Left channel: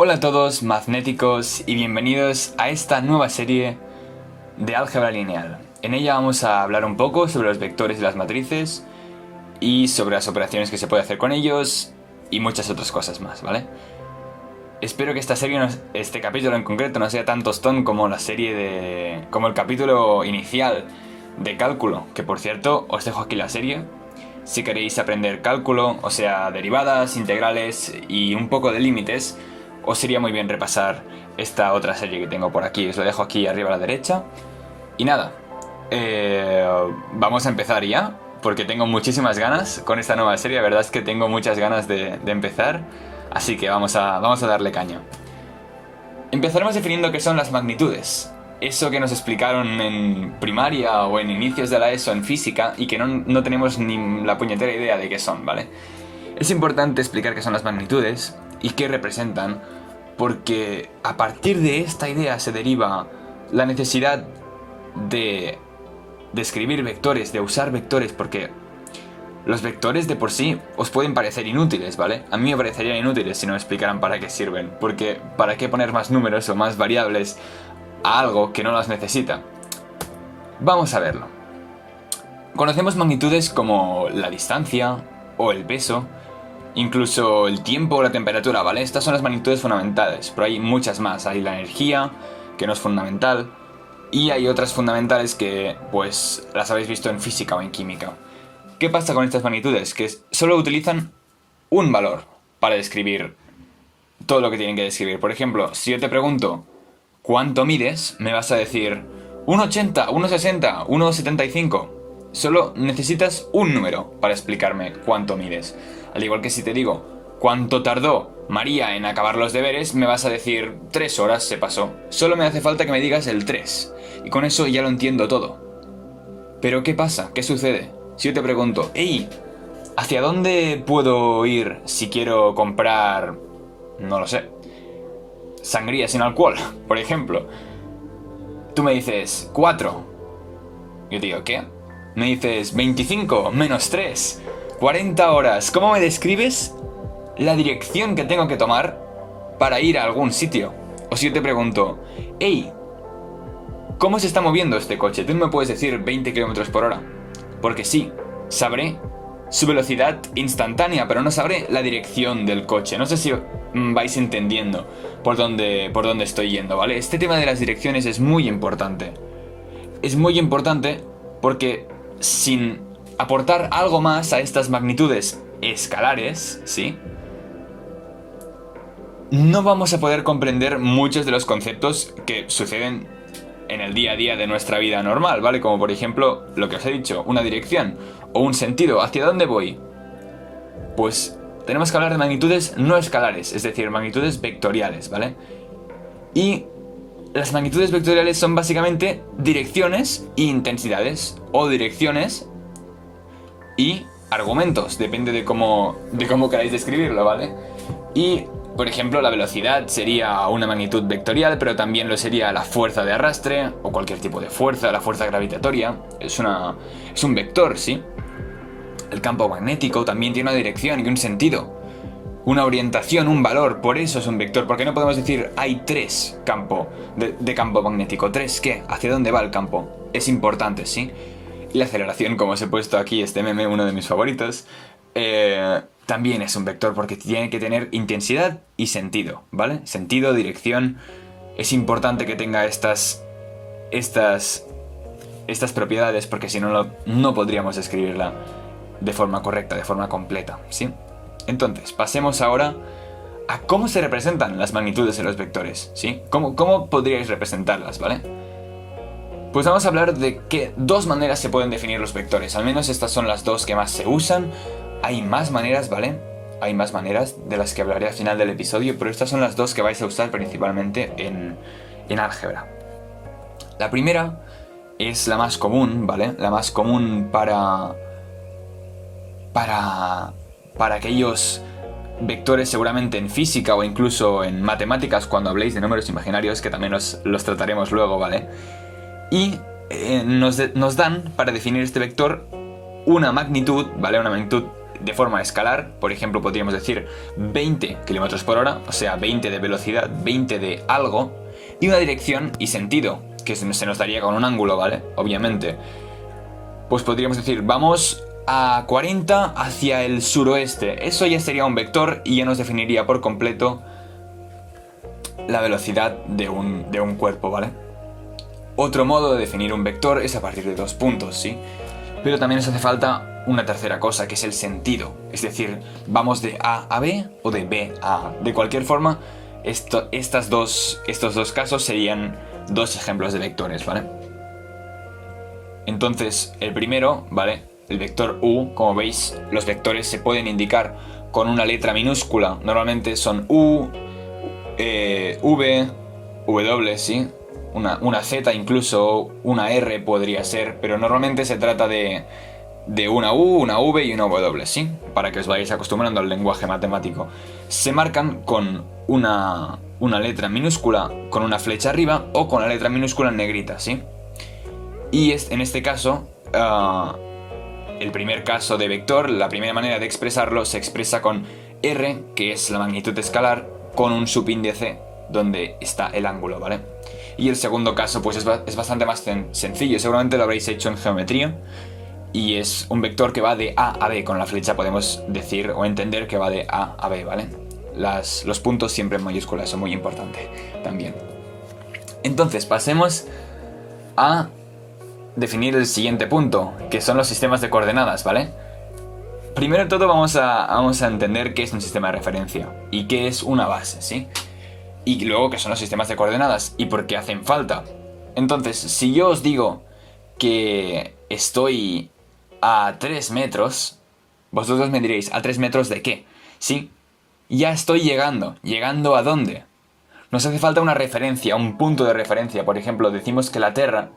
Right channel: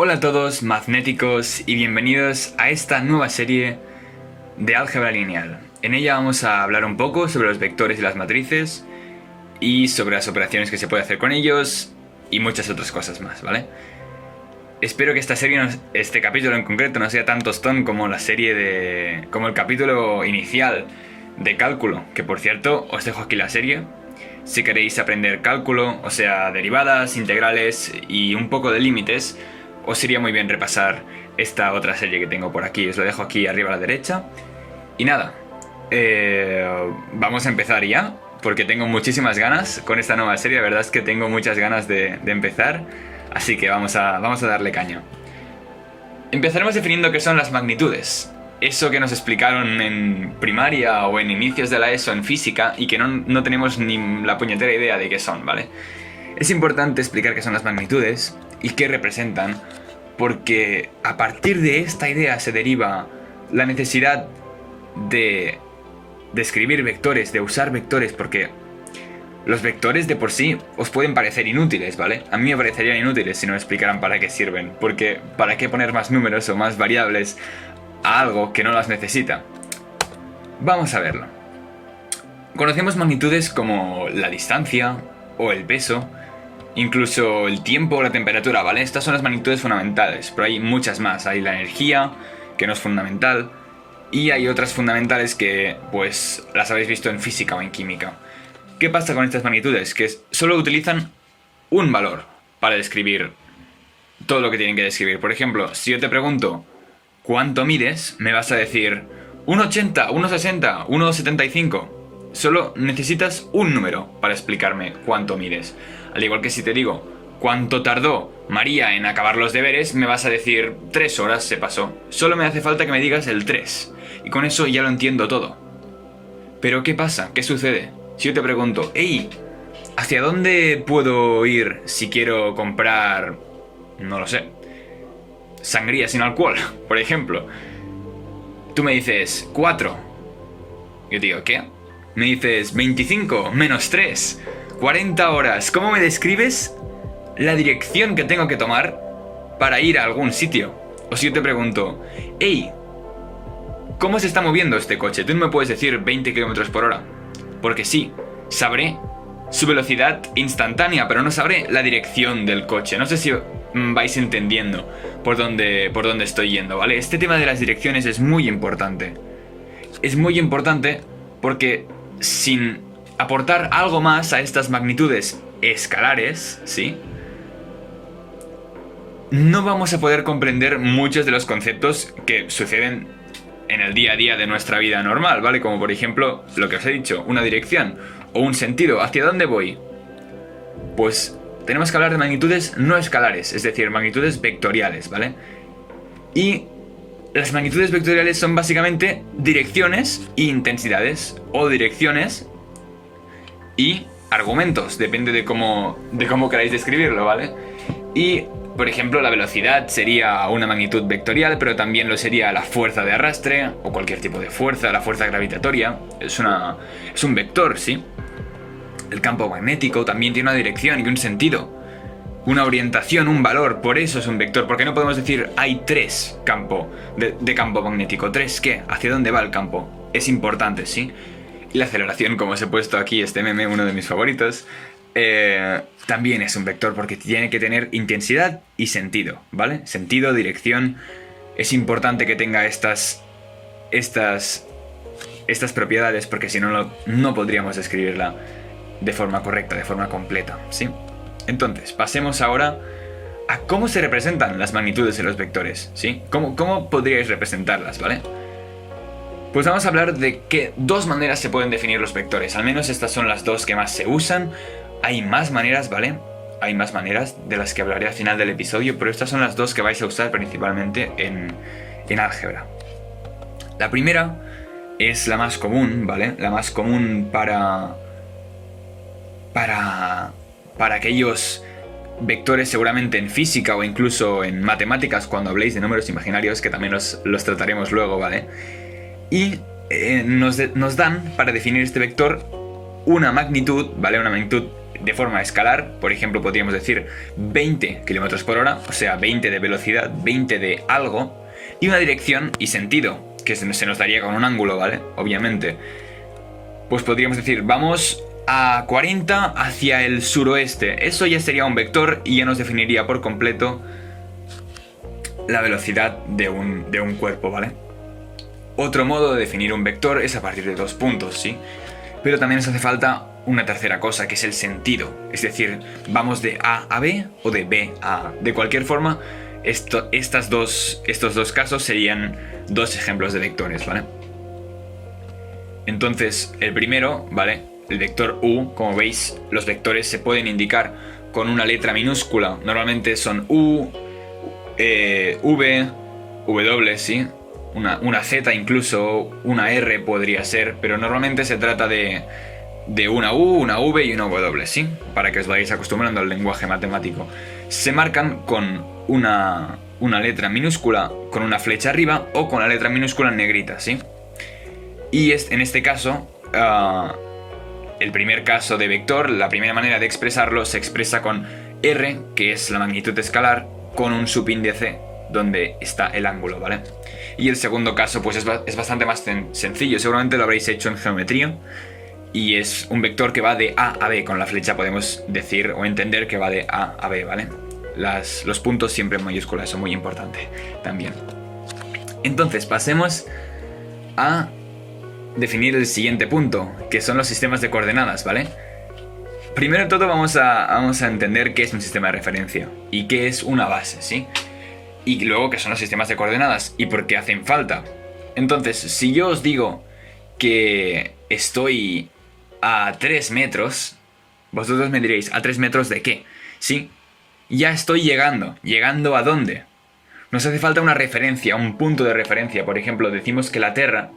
Hola a todos, magnéticos, y bienvenidos a esta nueva serie de álgebra lineal. En ella vamos a hablar un poco sobre los vectores y las matrices, y sobre las operaciones que se puede hacer con ellos, y muchas otras cosas más, ¿vale? Espero que esta serie, este capítulo en concreto, no sea tan tostón como como el capítulo inicial de cálculo, que por cierto, os dejo aquí la serie. Si queréis aprender cálculo, o sea, derivadas, integrales y un poco de límites, os iría muy bien repasar esta otra serie que tengo por aquí. Os lo dejo aquí arriba a la derecha. Y nada, vamos a empezar ya, porque tengo muchísimas ganas con esta nueva serie. La verdad es que tengo muchas ganas de empezar, así que vamos a darle caña. Empezaremos definiendo qué son las magnitudes. Eso que nos explicaron en primaria o en inicios de la ESO en física y que no tenemos ni la puñetera idea de qué son, ¿vale? Es importante explicar qué son las magnitudes y qué representan, porque a partir de esta idea se deriva la necesidad de escribir vectores, de usar vectores, porque los vectores de por sí os pueden parecer inútiles, ¿vale? A mí me parecerían inútiles si no me explicaran para qué sirven, porque ¿para qué poner más números o más variables a algo que no las necesita? Vamos a verlo. Conocemos magnitudes como la distancia o el peso, incluso el tiempo o la temperatura, ¿vale? Estas son las magnitudes fundamentales, pero hay muchas más. Hay la energía, que no es fundamental, y hay otras fundamentales que, pues, las habéis visto en física o en química. ¿Qué pasa con estas magnitudes? Que solo utilizan un valor para describir todo lo que tienen que describir. Por ejemplo, si yo te pregunto ¿cuánto mides?, me vas a decir 1,80, 1,60, 1,75. Solo necesitas un número para explicarme cuánto mides. Al igual que si te digo ¿cuánto tardó María en acabar los deberes?, me vas a decir 3 horas se pasó. Solo me hace falta que me digas el 3. Y con eso ya lo entiendo todo. Pero ¿qué pasa? ¿Qué sucede? Si yo te pregunto, hey, ¿hacia dónde puedo ir si quiero comprar, no lo sé, sangría sin alcohol, por ejemplo? Tú me dices 4. Yo te digo, ¿qué? Me dices 25 menos 3, 40 horas. ¿Cómo me describes la dirección que tengo que tomar para ir a algún sitio? O si yo te pregunto, hey, ¿cómo se está moviendo este coche? Tú no me puedes decir 20 km por hora. Porque sí, sabré su velocidad instantánea, pero no sabré la dirección del coche. No sé si vais entendiendo por dónde estoy yendo, ¿vale? Este tema de las direcciones es muy importante. Es muy importante porque sin aportar algo más a estas magnitudes escalares, ¿sí?, no vamos a poder comprender muchos de los conceptos que suceden en el día a día de nuestra vida normal, ¿vale? Como por ejemplo, lo que os he dicho, una dirección o un sentido. ¿Hacia dónde voy? Pues tenemos que hablar de magnitudes no escalares, es decir, magnitudes vectoriales, ¿vale? Y las magnitudes vectoriales son básicamente direcciones e intensidades, o direcciones y argumentos, depende de cómo queráis describirlo, ¿vale? Y, por ejemplo, la velocidad sería una magnitud vectorial, pero también lo sería la fuerza de arrastre, o cualquier tipo de fuerza, la fuerza gravitatoria. Es un vector, ¿sí? El campo magnético también tiene una dirección y un sentido, una orientación, un valor, por eso es un vector. Porque no podemos decir hay 3 campos de campo magnético. ¿3 qué? ¿Hacia dónde va el campo? Es importante, ¿sí? Y la aceleración, como os he puesto aquí este meme, uno de mis favoritos, también es un vector porque tiene que tener intensidad y sentido, ¿vale? Sentido, dirección. Es importante que tenga estas propiedades, porque si no, no podríamos escribirla de forma correcta, de forma completa, ¿sí? Entonces, pasemos ahora a cómo se representan las magnitudes en los vectores, ¿sí? ¿Cómo podríais representarlas, ¿vale? Pues vamos a hablar de que 2 maneras se pueden definir los vectores. Al menos estas son las 2 que más se usan. Hay más maneras, ¿vale? Hay más maneras de las que hablaré al final del episodio, pero estas son las 2 que vais a usar principalmente en álgebra. La primera es la más común, ¿vale? La más común para aquellos vectores seguramente en física o incluso en matemáticas cuando habléis de números imaginarios, que también los trataremos luego, ¿vale? Y nos dan para definir este vector una magnitud, ¿vale? Una magnitud de forma escalar. Por ejemplo, podríamos decir 20 km por hora, o sea, 20 de velocidad, 20 de algo, y una dirección y sentido, que se nos daría con un ángulo, ¿vale? Obviamente. Pues podríamos decir, vamos a 40 hacia el suroeste. Eso ya sería un vector y ya nos definiría por completo la velocidad de un cuerpo, ¿vale? Otro modo de definir un vector es a partir de 2 puntos, ¿sí? Pero también nos hace falta una tercera cosa, que es el sentido. Es decir, vamos de A a B o de B a A. De cualquier forma, estos dos casos serían 2 ejemplos de vectores, ¿vale? Entonces, el primero, ¿vale? El vector U, como veis, los vectores se pueden indicar con una letra minúscula. Normalmente son U, V, W, ¿sí? Una Z incluso, una R podría ser, pero normalmente se trata de una U, una V y una W, ¿sí? Para que os vayáis acostumbrando al lenguaje matemático. Se marcan con una letra minúscula con una flecha arriba o con la letra minúscula en negrita, ¿sí? Y en este caso, el primer caso de vector, la primera manera de expresarlo se expresa con R, que es la magnitud escalar, con un subíndice donde está el ángulo, ¿vale? Y el segundo caso pues es bastante más sencillo, seguramente lo habréis hecho en geometría, y es un vector que va de A a B. Con la flecha podemos decir o entender que va de A a B, ¿vale? Los puntos siempre en mayúsculas son muy importantes también. Entonces pasemos a definir el siguiente punto, que son los sistemas de coordenadas, ¿vale? Primero de todo vamos a entender qué es un sistema de referencia y qué es una base, ¿sí? Y luego qué son los sistemas de coordenadas y por qué hacen falta. Entonces, si yo os digo que estoy a 3 metros, vosotros me diréis, ¿a 3 metros de qué? Sí, ya estoy llegando. ¿Llegando a dónde? Nos hace falta una referencia, un punto de referencia. Por ejemplo, decimos que la Tierra,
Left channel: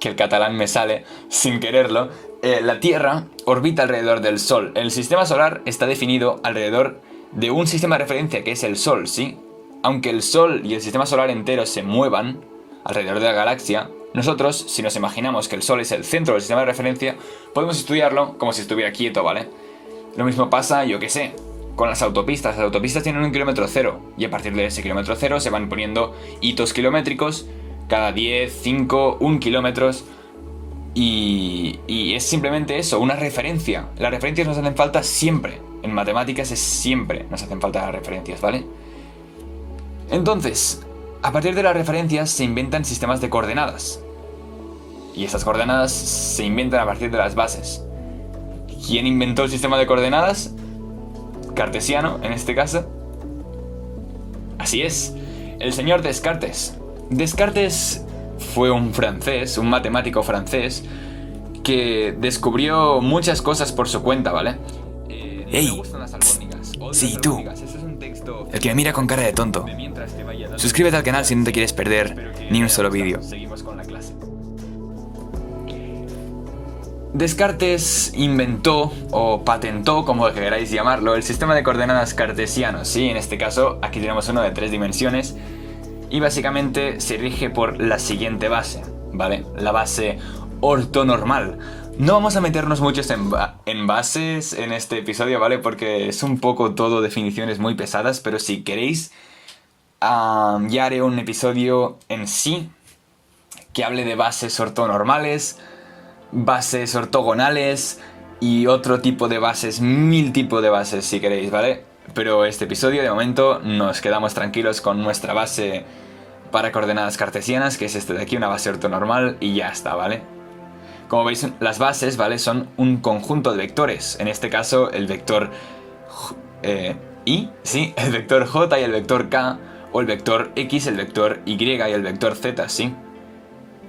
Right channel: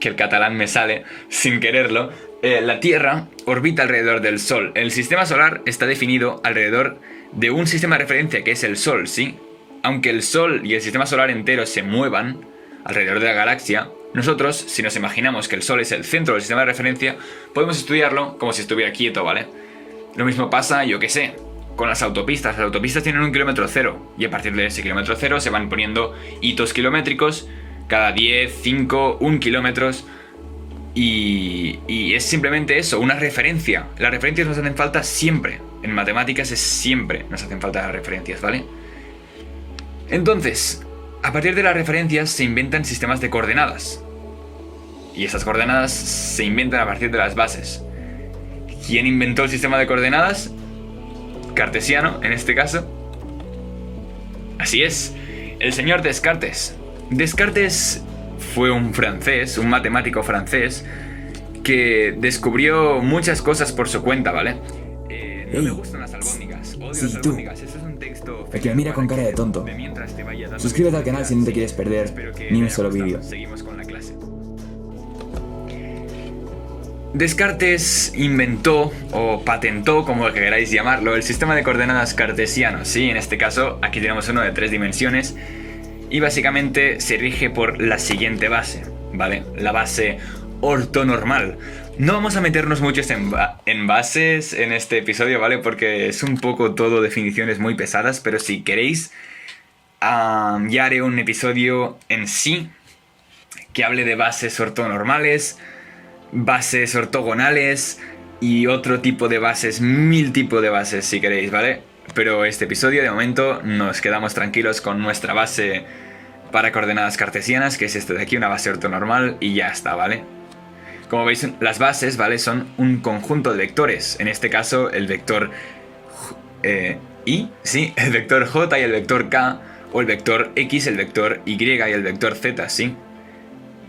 que el catalán me sale sin quererlo, la Tierra orbita alrededor del Sol. El sistema solar está definido alrededor de un sistema de referencia que es el Sol, ¿sí? Aunque el Sol y el sistema solar entero se muevan alrededor de la galaxia, nosotros, si nos imaginamos que el Sol es el centro del sistema de referencia, podemos estudiarlo como si estuviera quieto, ¿vale? Lo mismo pasa, yo qué sé, con las autopistas. Las autopistas tienen un kilómetro cero y a partir de ese kilómetro cero se van poniendo hitos kilométricos cada 10, 5, 1 kilómetros. Y es simplemente eso, una referencia. Las referencias nos hacen falta siempre. En matemáticas siempre nos hacen falta las referencias, ¿vale? Entonces, a partir de las referencias se inventan sistemas de coordenadas. Y esas coordenadas se inventan a partir de las bases. ¿Quién inventó el sistema de coordenadas? Cartesiano, en este caso. Así es, el señor Descartes. Descartes fue un francés, un matemático francés, que descubrió muchas cosas por su cuenta, ¿vale? ¡Ey! No me gustan las albóndigas. Odio Sí, las tú. albóndigas. Este es un texto El que me mira con cara de tonto. mientras te vaya dando Suscríbete al canal si no te quieres Espero perder que ni te un haya solo gustado. vídeo. Seguimos con la clase. Descartes inventó o patentó, como queráis llamarlo, el sistema de coordenadas cartesiano. Sí, en este caso aquí tenemos uno de 3 dimensiones y básicamente se rige por la siguiente base, ¿vale? La base ortonormal. No vamos a meternos muchos en bases en este episodio, ¿vale? Porque es un poco todo definiciones muy pesadas, pero si queréis ya haré un episodio en sí que hable de bases ortonormales, bases ortogonales y otro tipo de bases, 1000 tipos de bases si queréis, ¿vale? Pero este episodio de momento nos quedamos tranquilos con nuestra base para coordenadas cartesianas, que es esta de aquí, una base ortonormal, y ya está, ¿vale? Como veis, las bases, ¿vale? Son un conjunto de vectores. En este caso, el vector ¿sí? El vector J y el vector K, o el vector X, el vector Y y el vector Z, ¿sí?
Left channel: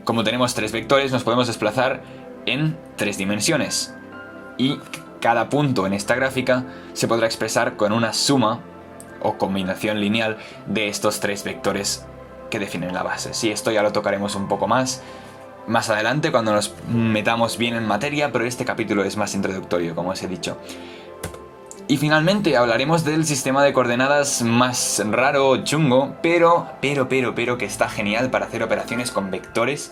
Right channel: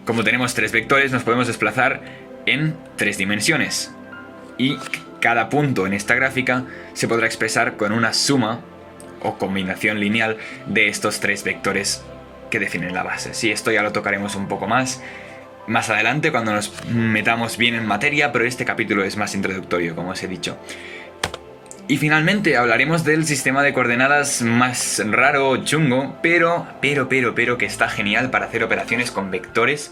Como tenemos 3 vectores, nos podemos desplazar en 3 dimensiones. Y cada punto en esta gráfica se podrá expresar con una suma o combinación lineal de estos 3 vectores que definen la base. Sí, esto ya lo tocaremos un poco más adelante cuando nos metamos bien en materia, pero este capítulo es más introductorio, como os he dicho. Y finalmente hablaremos del sistema de coordenadas más raro, chungo, pero que está genial para hacer operaciones con vectores.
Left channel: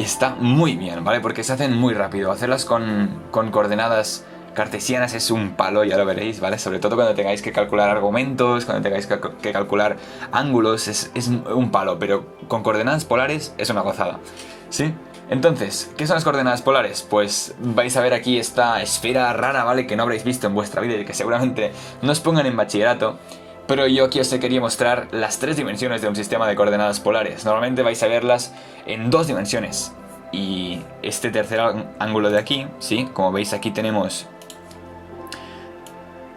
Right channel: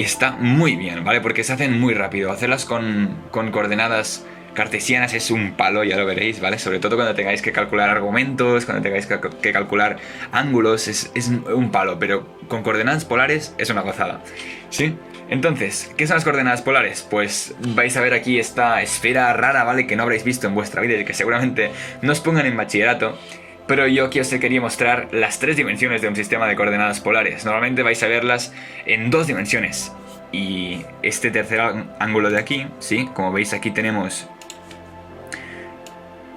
Y está muy bien, ¿vale? Porque se hacen muy rápido. Hacerlas con coordenadas cartesianas es un palo, ya lo veréis, ¿vale? Sobre todo cuando tengáis que calcular argumentos, cuando tengáis que calcular ángulos, es un palo. Pero con coordenadas polares es una gozada, ¿sí? Entonces, ¿qué son las coordenadas polares? Pues vais a ver aquí esta esfera rara, ¿vale? Que no habréis visto en vuestra vida y que seguramente no os pongan en bachillerato. Pero yo aquí os quería mostrar las 3 dimensiones de un sistema de coordenadas polares. Normalmente vais a verlas en 2 dimensiones. Y este tercer ángulo de aquí, ¿sí? Como veis aquí tenemos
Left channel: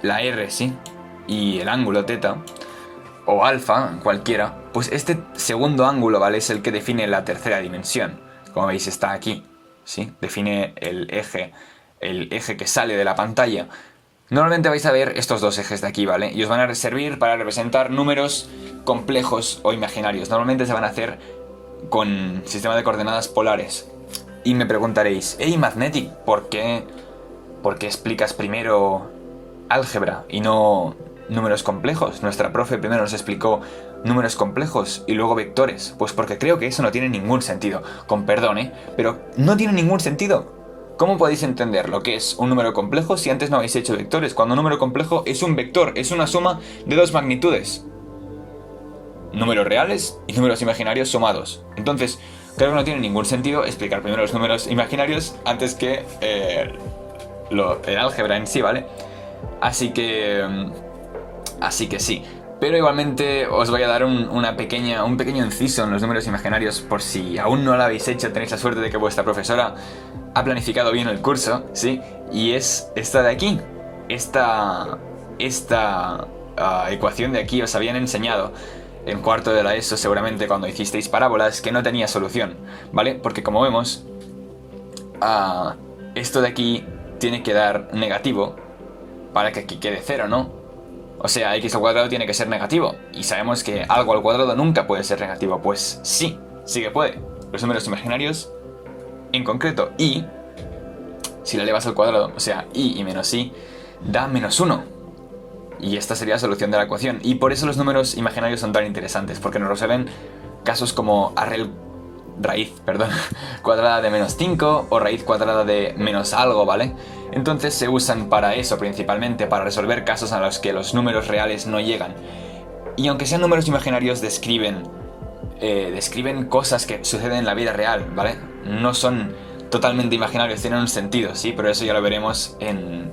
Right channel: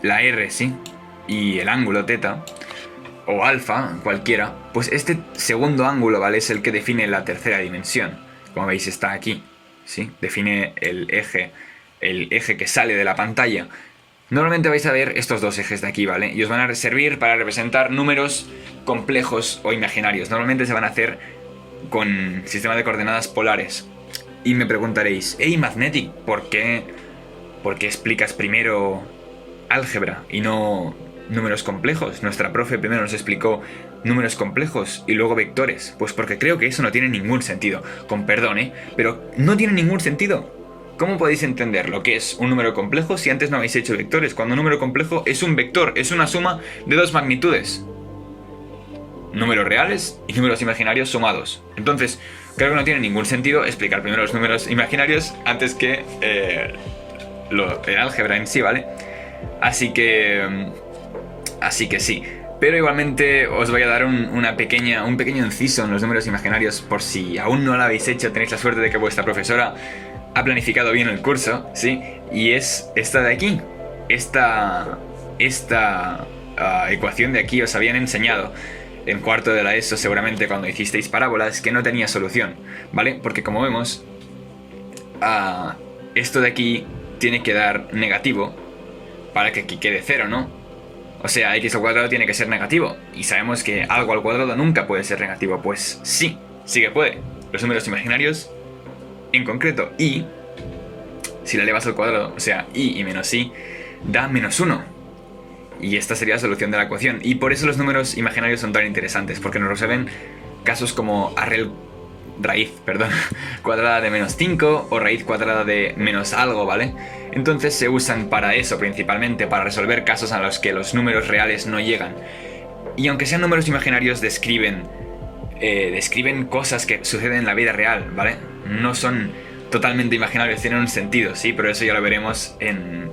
la R, ¿sí? Y el ángulo teta, o alfa, cualquiera. Pues este segundo ángulo, ¿vale? Es el que define la tercera dimensión. Como veis está aquí, ¿sí? Define el eje que sale de la pantalla. Normalmente vais a ver estos 2 ejes de aquí, ¿vale? Y os van a servir para representar números complejos o imaginarios. Normalmente se van a hacer con sistema de coordenadas polares. Y me preguntaréis, hey Mathematic, ¿por qué explicas primero álgebra y no números complejos? Nuestra profe primero nos explicó números complejos y luego vectores. Pues porque creo que eso no tiene ningún sentido. Con perdón, pero no tiene ningún sentido. ¿Cómo podéis entender lo que es un número complejo si antes no habéis hecho vectores? Cuando un número complejo es un vector, es una suma de 2 magnitudes. Números reales y números imaginarios sumados. Entonces, creo que no tiene ningún sentido explicar primero los números imaginarios antes que el álgebra en sí, ¿vale? Así que sí. Pero igualmente os voy a dar un pequeño inciso en los números imaginarios por si aún no lo habéis hecho, tenéis la suerte de que vuestra profesora ha planificado bien el curso, ¿sí? Y es esta de aquí. Esta ecuación de aquí os habían enseñado en cuarto de la ESO seguramente cuando hicisteis parábolas que no tenía solución, ¿vale? Porque como vemos, esto de aquí tiene que dar negativo para que aquí quede 0, ¿no? O sea, x al cuadrado tiene que ser negativo. Y sabemos que algo al cuadrado nunca puede ser negativo. Pues sí que puede. Los números imaginarios, en concreto y, si la elevas al cuadrado, o sea, y menos i, da -1. Y esta sería la solución de la ecuación. Y por eso los números imaginarios son tan interesantes, porque nos resuelven casos como raíz cuadrada de -5 o raíz cuadrada de menos algo, ¿vale? Entonces se usan para eso principalmente, para resolver casos a los que los números reales no llegan. Y aunque sean números imaginarios, describen cosas que suceden en la vida real, ¿vale? No son totalmente imaginarios, tienen un sentido, ¿sí? Pero eso ya lo veremos en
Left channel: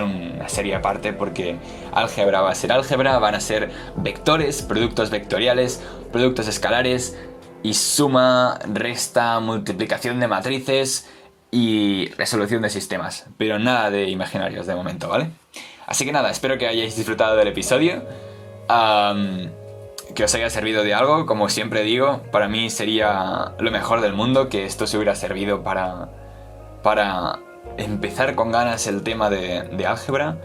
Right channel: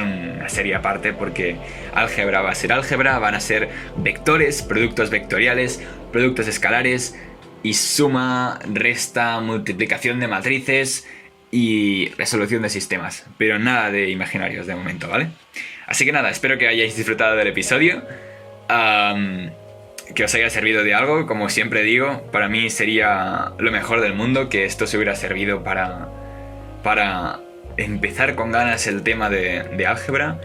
una serie aparte, porque álgebra va a ser álgebra, van a ser vectores, productos vectoriales, productos escalares y suma, resta, multiplicación de matrices y resolución de sistemas, pero nada de imaginarios de momento, ¿vale? Así que nada, espero que hayáis disfrutado del episodio, que os haya servido de algo. Como siempre digo, para mí sería lo mejor del mundo que esto se hubiera servido para empezar con ganas el tema de álgebra.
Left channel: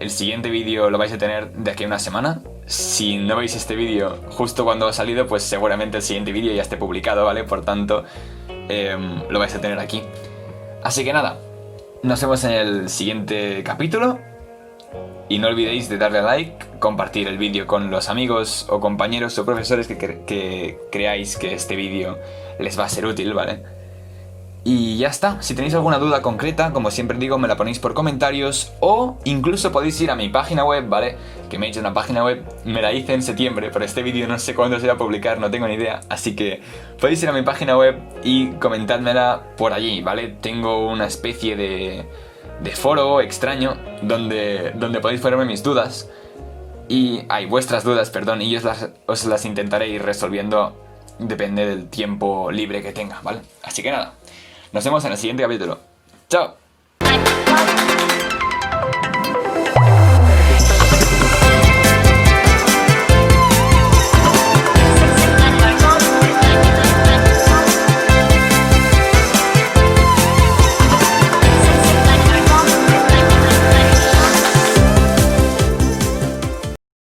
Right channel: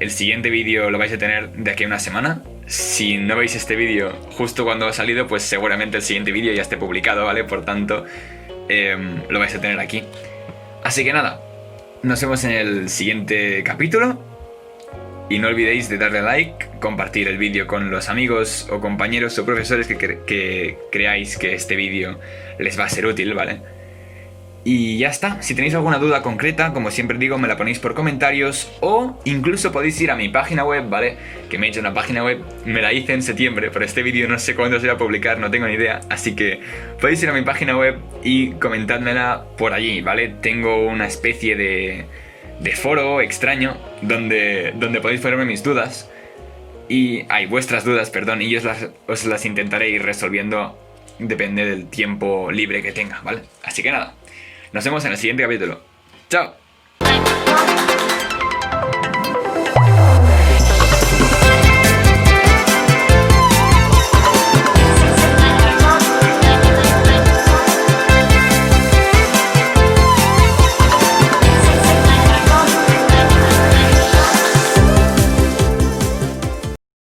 El siguiente vídeo lo vais a tener de aquí a una semana. Si no veis este vídeo justo cuando ha salido, pues seguramente el siguiente vídeo ya esté publicado, ¿vale? Por tanto, lo vais a tener aquí. Así que nada, nos vemos en el siguiente capítulo. Y no olvidéis de darle a like, compartir el vídeo con los amigos o compañeros o profesores que creáis que este vídeo les va a ser útil, ¿vale? Y ya está. Si tenéis alguna duda concreta, como siempre digo, me la ponéis por comentarios o incluso podéis ir a mi página web, ¿vale? Que me he hecho una página web, me la hice en septiembre, pero este vídeo no sé cuándo se va a publicar, no tengo ni idea. Así que podéis ir a mi página web y comentádmela por allí, ¿vale? Tengo una especie de foro extraño donde podéis ponerme mis dudas. Vuestras dudas, perdón, y yo os las intentaré ir resolviendo, depende del tiempo libre que tenga, ¿vale? Así que nada. Nos vemos en el siguiente capítulo. ¡Chao!